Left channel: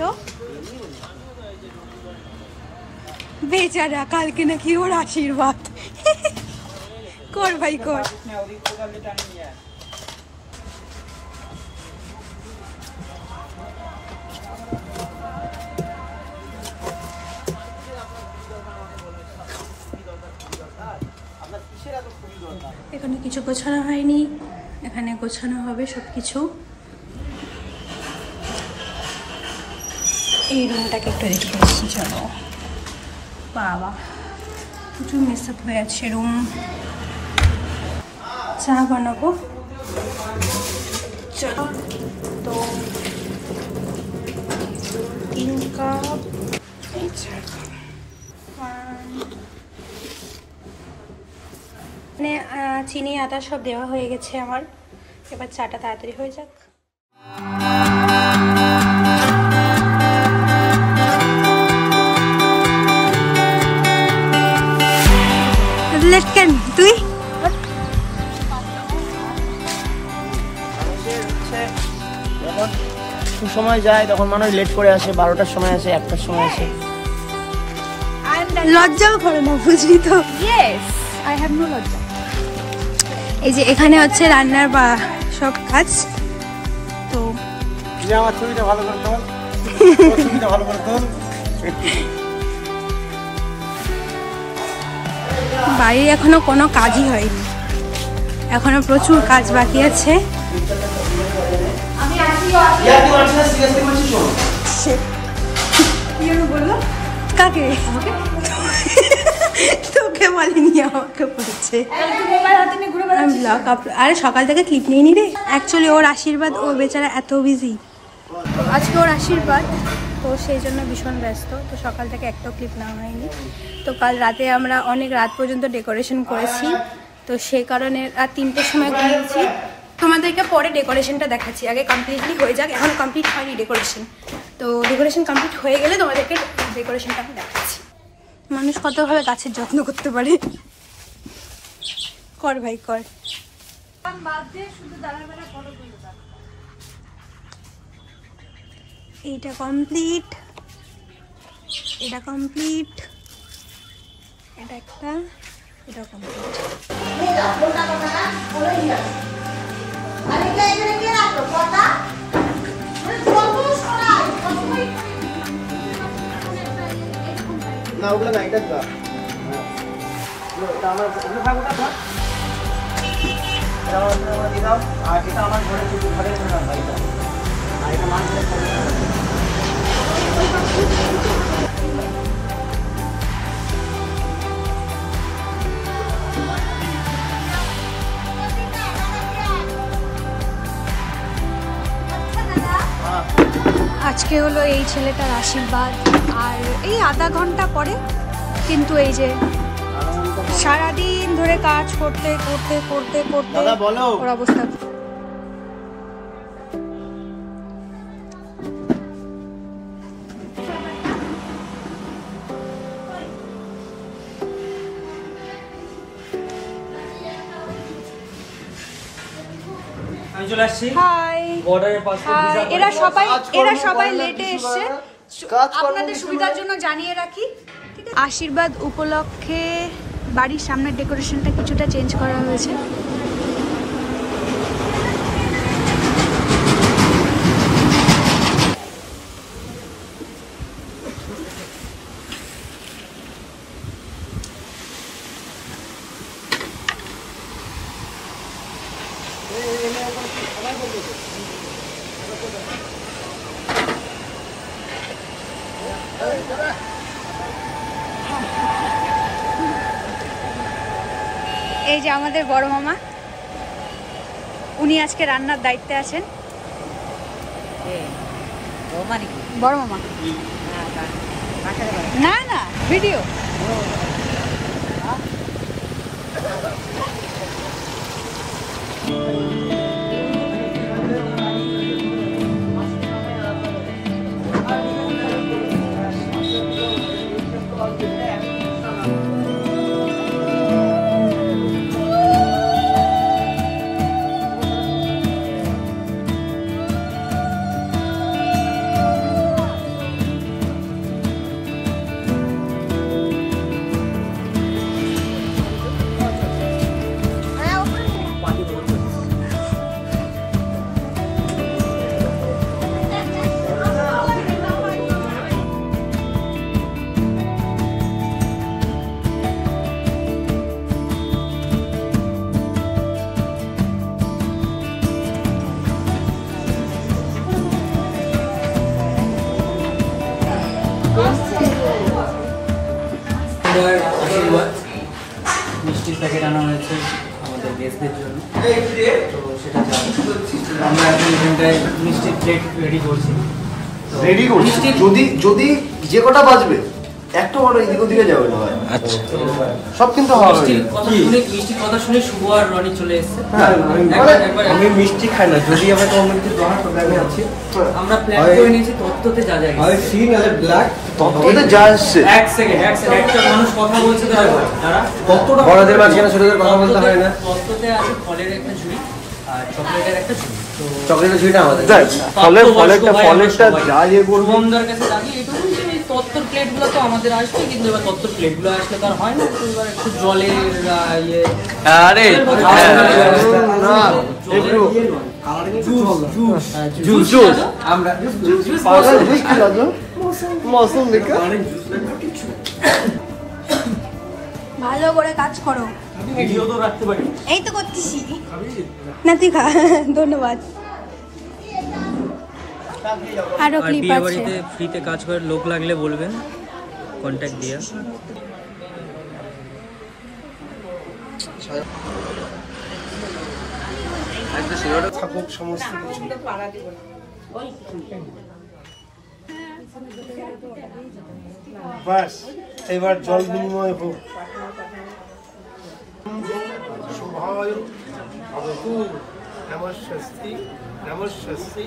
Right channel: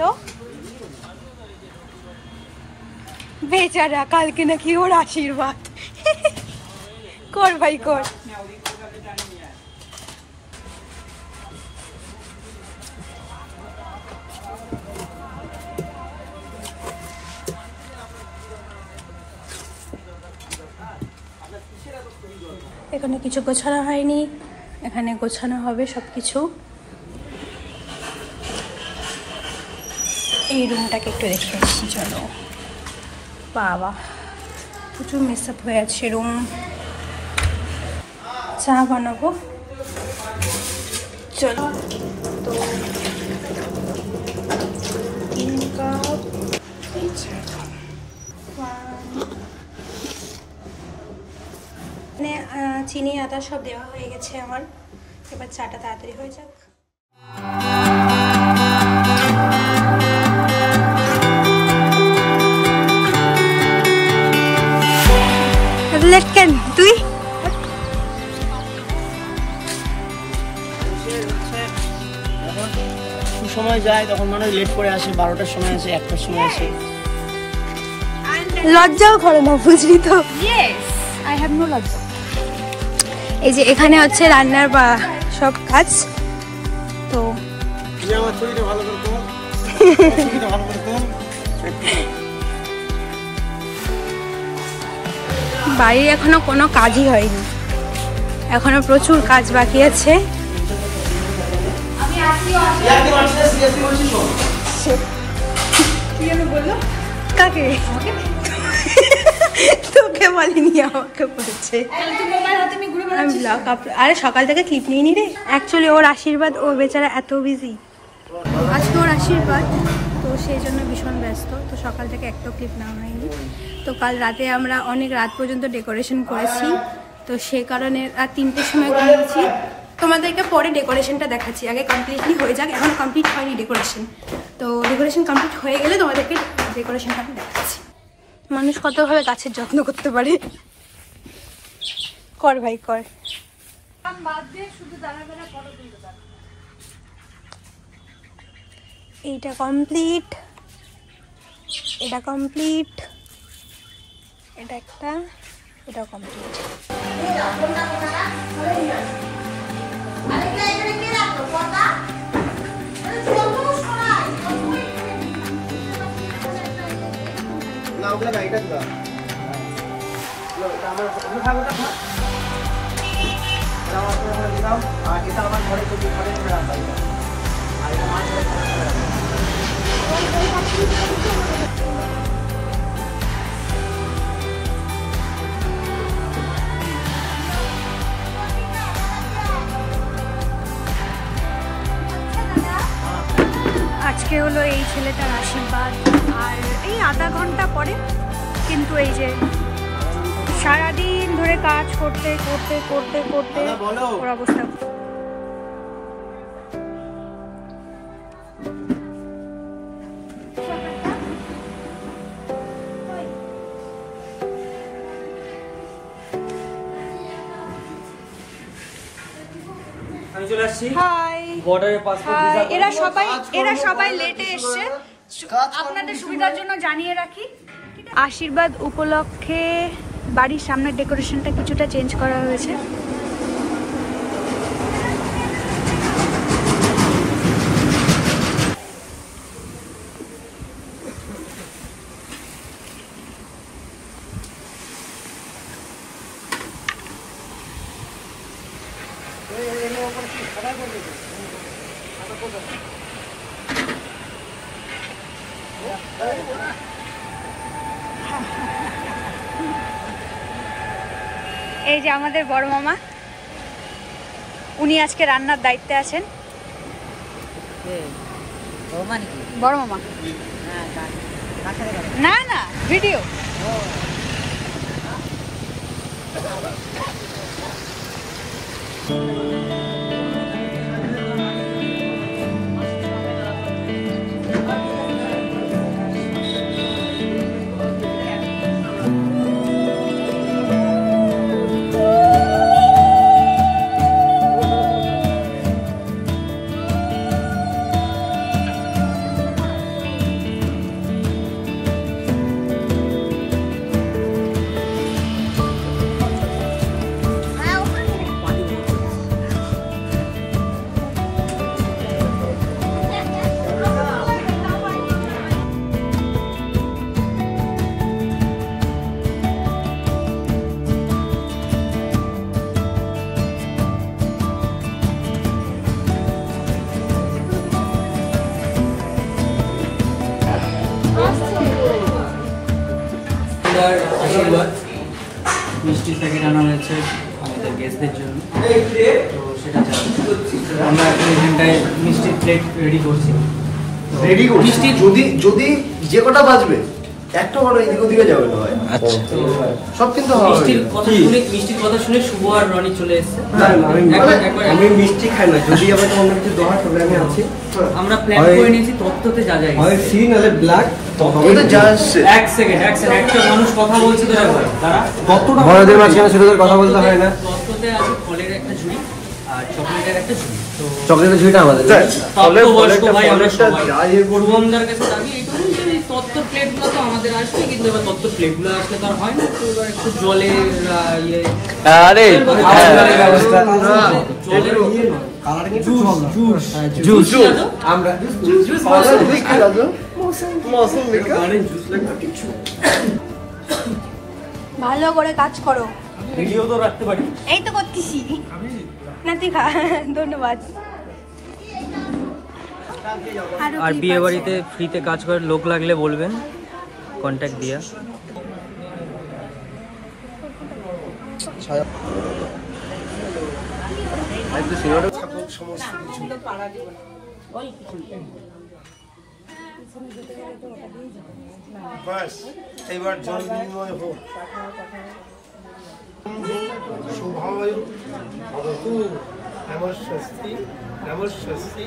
তো বেচারা কালকে নাকি ওর আশীর্বাদ। কর ভাই কর। এখানে কিছু গোছানো হয়নি, এখানে গোছানো হবে সবকিছু। এই রুমটাকে একটু রেখে এসেছি, চলো। বাবা প্রচুর মেস আপ হয়ে আছে রুম। চা বানাবো, চলো। তো 3 কাপ মানে চিনি আদা সব দেওয়া হয়ে গেছে আমার। এবার চাটা তাড়াতাড়ি হয়ে যাক। লেট কেন তুই? যখন সময় যায় তখন মনে হয় লেট করে আসে, 12টার সময় আসে, 1টার সময় আসে। লজ্জাও করে না, বুঝলি তো? ইয়েস, আই হ্যাভ নো লজ্জা। এই যে এখানে হচ্ছে রান্নার বা সব কাজ। তো আমার ছবিটা ভালো করে তোল, ছবিটা ভালো করে তোল। বাড়ির এখনো কোনো কাজই হয়নি, এখনো প্রচুর কাজ বাকি আছে। কাকে? তোকে বলিনি, আমাকে বলছে। আরে সকাল থেকে ক্লিপ নিয়ে নি রে। অ্যাকচুয়ালি ওর আশীর্বাদ, ও বেচারা এত বিজি, আজকে ওর আশীর্বাদ, তো সেই জন্য ভীষণ ব্যস্ত। তো সকাল থেকে একটাও ক্লিপ নেওয়া হয়নি। তো কাল রাতে আমরা অনেক রাত পর্যন্ত ডেকোরেশন করেছি, তো সেই কারণে রাত 3টের সময় ঘুমিয়েছি। তোমাদেরকে পরে ডেকোরেশনটা দেখাচ্ছি, আগে কমপ্লিটলি হয়ে যাক। এখনো কমপ্লিট হয়নি ডেকোরেশন, তো ডেকোরেশন কমপ্লিট হয়ে গেলে তোমাদেরকে ডেকোরেশনটা আমি দেখাচ্ছি। মানুষ কতভাবে গাছের যত্ন করতে পারে। কর ভাই কর। এইটা কমপ্লিট, এটা কমপ্লিট, এটা একটা, এটা কমপ্লিট। না ওগুলো না, এটা দিবা। এটা আমার ওগুলো ভাগটা খা। এটা আমার দিয়ে দাও, আর এটা আমার ঘরে চুরি ঘরে না ভাই। আর এটা আমার ঘরে খাবে। আজকে হলো এই ছেলেটার আশীর্বাদ, আর এই আধা ঘন্টা পরে কিন্তু এই যে সারাদিন ধরে কাজ করতে করতে করতে করতে ওর অবস্থা। আমি চলে আসছি। হাই হাই, এরা সবাই লেটে এসছে, আপনাদের সুবিধার জন্য জানিয়ে রাখি। আশীর্বাদ উপলক্ষে বাড়ির সামনের ডেকোরেশনটা কিছুটা চেঞ্জ করা হয়েছে। এই যে আমাদের বড় মামা, উনি আজকে রান্নার দায়িত্বে আছেন। বড় মামা না না ভিডিও। আশীর্বাদ মিষ্টির প্যাকেট আনা হয়েছে আমাদের গেস্টদের জন্য, তো সেটা আমরা এখন এখানটায় মিষ্টির প্লেট রেডি করছি। রেডি করছি, যদি যদি যে কটা বাজবে একটা বড় এদিক ওদিকে যাবে না। আচ্ছা, সব কিন্তু মিষ্টির কথা শুনে শুভ আর রনি চলে এসেছে। আমি মিষ্টি খাই না, যদি আমার অন্য কিছু দরকার তবে আমি আছি। আমরা প্ল্যান করে নিয়েছি তত্ত্বতে যা যায় হয় সি না ব্ল্যাক তত্ত্বতে যা আসছে। এক সেকেন্ড একটা মানুষ কথা বলছে তো তারা তত্ত্বটা বড়দের আছে সেটা কথা বলতে হয় না। তত্ত্বতে আছে ফলের একটা ঝুড়ি আর চকলেটের একটা ঝুড়ি। তো চকলেটের ঝুড়িটা আমাদের ভাই আমরা শুভমদার কাছে দাবি এইটুকু যে তত্ত্বর প্লেটগুলো তো আমাদের আসবে, কিন্তু এবার তত্ত্বর প্লেটগুলো আসলে তো আর হয় না। তো এবার একটু জলের ইয়ে আরে ভালো করে কাজ করো। এই তো করতেছি না, তুই খা। ধন্যবাদ। আর বিয়ে বাড়িতে ফ্রিতে কাজ করার লোক লাগলে বলবেন, কন্ট্যাক্ট দিয়া। বাস এবার জল বিনিময় হোক। শুভায় ভবতু নমস্বস্তি নমস্বস্তি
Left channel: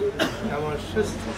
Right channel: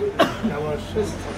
নমস্বস্তি।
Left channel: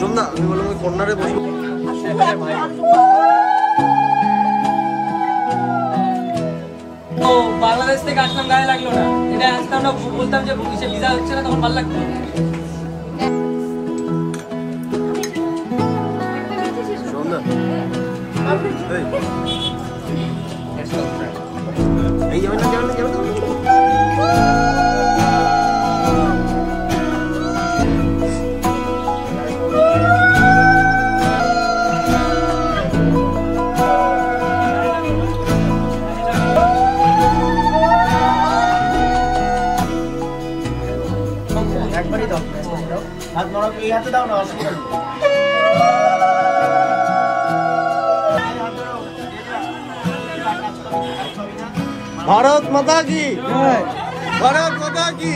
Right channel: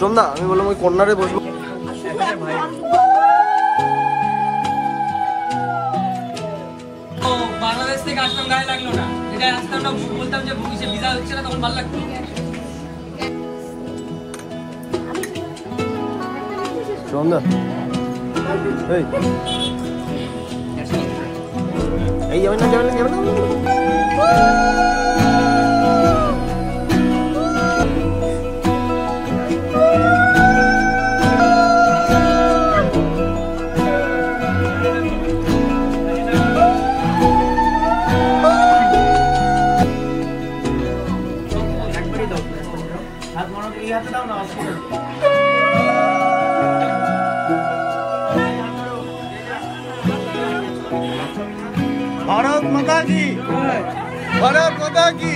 শোন না আমি বললাম ওই কর্নারে বসবো। বাংলাদেশ থেকে আসলাম, গায়ে লাগলো না। এটা আজকে আমরা বলতাম যে ভিসা হচ্ছে না, তখন ভালো লাগতো। এই যাবেন না। একবারই দাও, হাত নড়া এই হাতে দাও না, অসুবিধা নেই। भारत माता की, भारत माता की।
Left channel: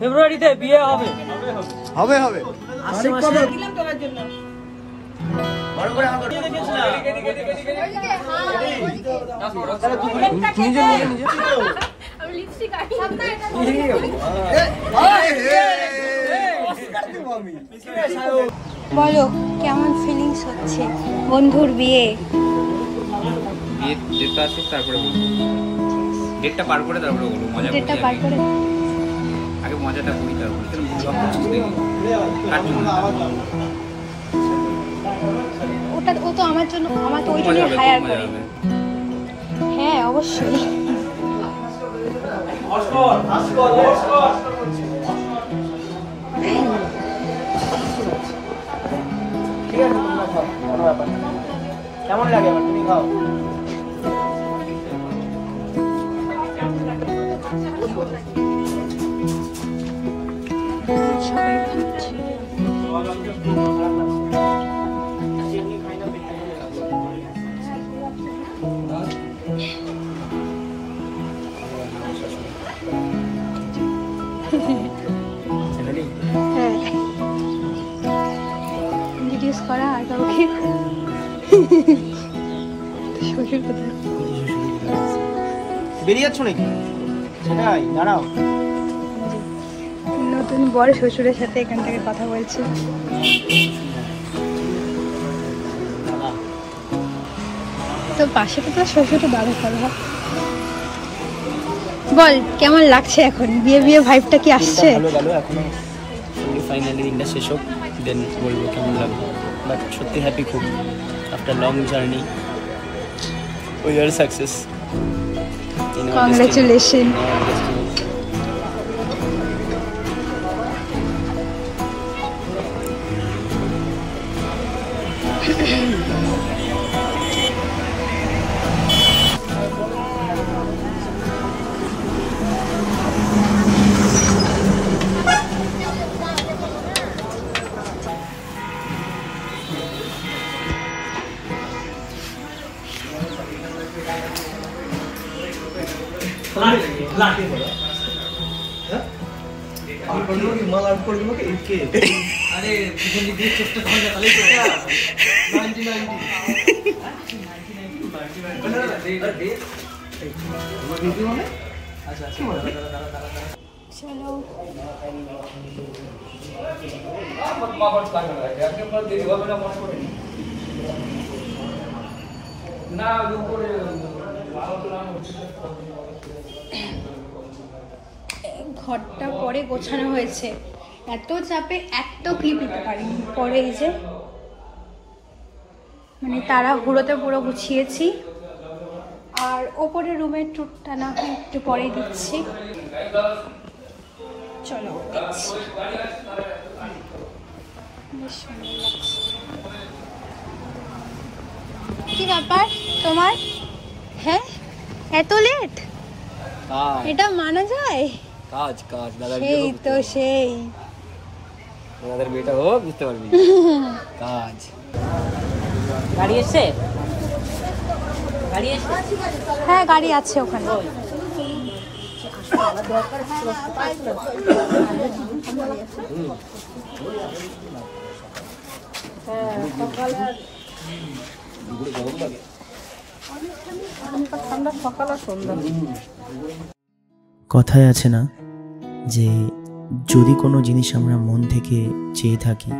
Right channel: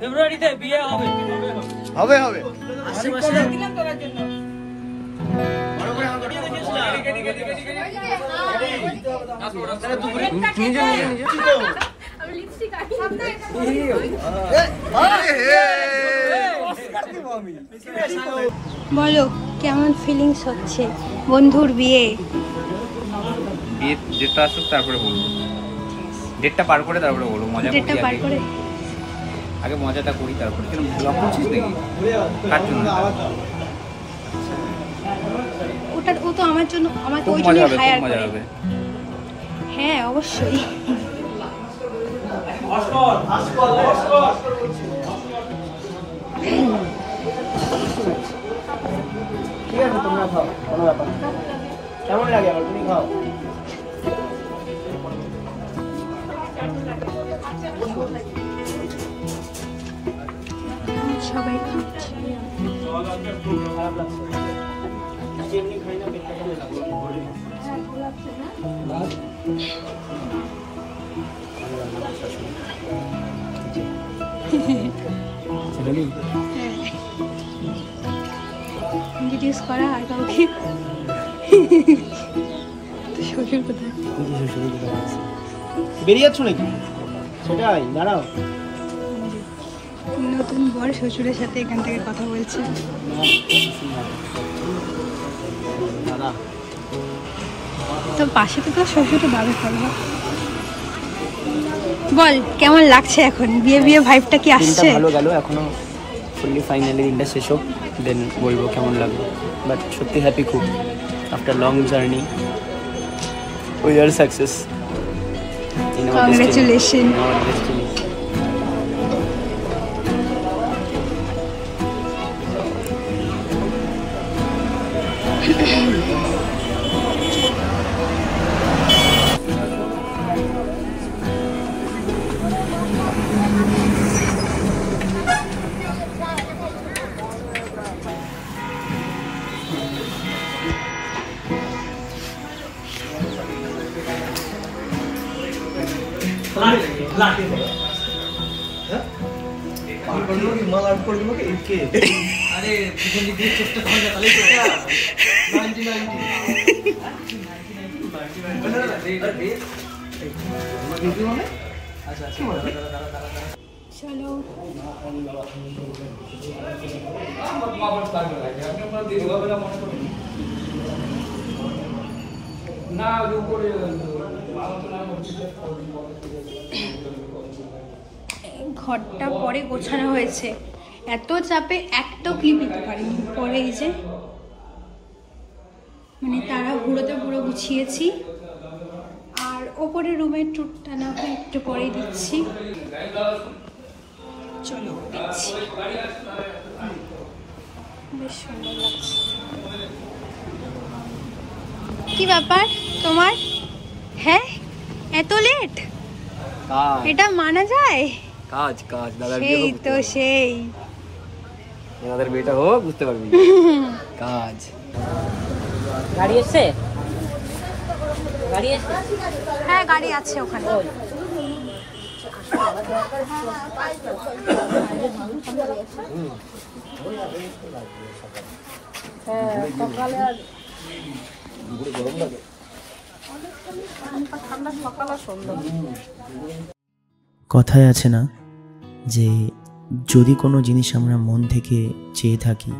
ফেব্রুয়ারিতে বিয়ে হবে। বলো কেমন ফিলিংস হচ্ছে বন্ধুর বিয়ে? ডেটটা আসুক তারপরে বলবো, ডেটটা পার করে তারপরে বলবো। ডেটটা পার করে আগে মজাটা করি তারপরে। ওটা ও তো আমার জন্য, আমার তো ওই জন্য হায়ার করে। হ্যাঁ অবশ্যই। কেমন লাগে তুমি খাও? হ্যাঁ, ইন্ট্রোডিউস করা আর কাউকে। শ্বশুর কোথায়? বেরিয়ে যাচ্ছ নাকি? সেটাই, দাঁড়াও। নতুন বর শ্বশুরের সাথে এখান থেকে কথা বলছে। তো পাশে তো তোর শ্বশুর তো দাদা খাওয়া। বল কেমন লাগছে এখন? বিয়ে বিয়ে ভাইবটা কি আসছে? ভালো গেল, এখনো ফাইনালি দিনটা শেষ হোক, দেন বলবো কেমন লাগবে। বাট সত্যি হ্যাপি খুব, after long journey we are success. Congratulation. আরে পিছন দিক দিয়ে চেষ্টা করলে তাহলেই তো 90 আচ্ছা আচ্ছা চলো ঘরটা পরে গোছানো হয়েছে, এত চাপে একটা ক্লিপ নিতে পারিনি। পরে এই যে মানে তারা হুড়োতে পুরো গুছিয়েছি। আর ওপরে রুমের টুরটা না হয় একটু পরেই দিচ্ছি। চলো দেখছি, বেশ সুন্দর লাগছে। কি ব্যাপার তোমার? হ্যাঁ এত লেট, এটা মানা যায়? কাজ কাজ দাদা, সেই তো সেই আমাদের বিয়েটা হোক, বুঝতে পারবি কাজ। গাড়ি এসে গাড়ি এসে হ্যাঁ গাড়ি আছে ওখানে। কথায় আছে না যে যদি কোনো জিনিস আমরা মন থেকে চেয়ে থাকি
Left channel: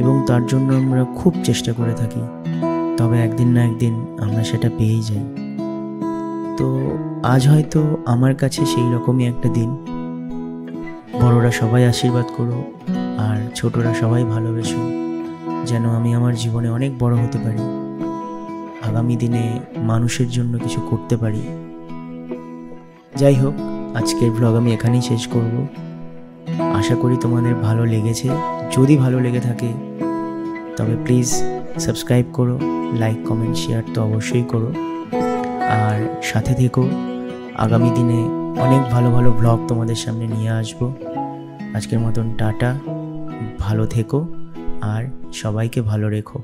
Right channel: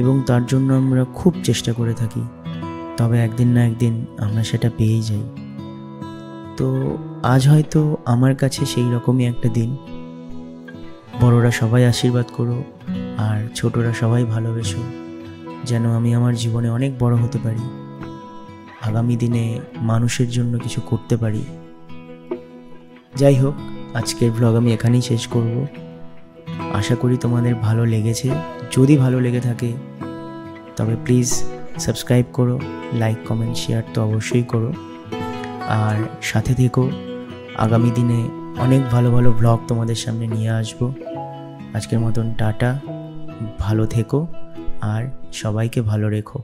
এবং তার জন্য আমরা খুব চেষ্টা করে থাকি, তবে একদিন না একদিন আমরা সেটা পেয়েই যাই। তো আজ হয়তো আমার কাছে সেই রকমই একটা দিন। বড়রা সবাই আশীর্বাদ করো আর ছোটরা সবাই ভালোবেসো, যেন আমি আমার জীবনে অনেক বড় হতে পারি, আগামী দিনে মানুষের জন্য কিছু করতে পারি। যাই হোক, আজকের ব্লগ আমি এখানেই শেষ করব। আশা করি তোমাদের ভালো লেগেছে। যদি ভালো লেগে থাকে তবে প্লিজ সাবস্ক্রাইব করো, লাইক কমেন্ট শেয়ার তো অবশ্যই করো, আর সাথে থেকো। আগামী দিনে অনেক ভালো ভালো ব্লগ তোমাদের সামনে নিয়ে আসবো। আজকের মতন টাটা, ভালো থেকো আর সবাইকে ভালো রেখো।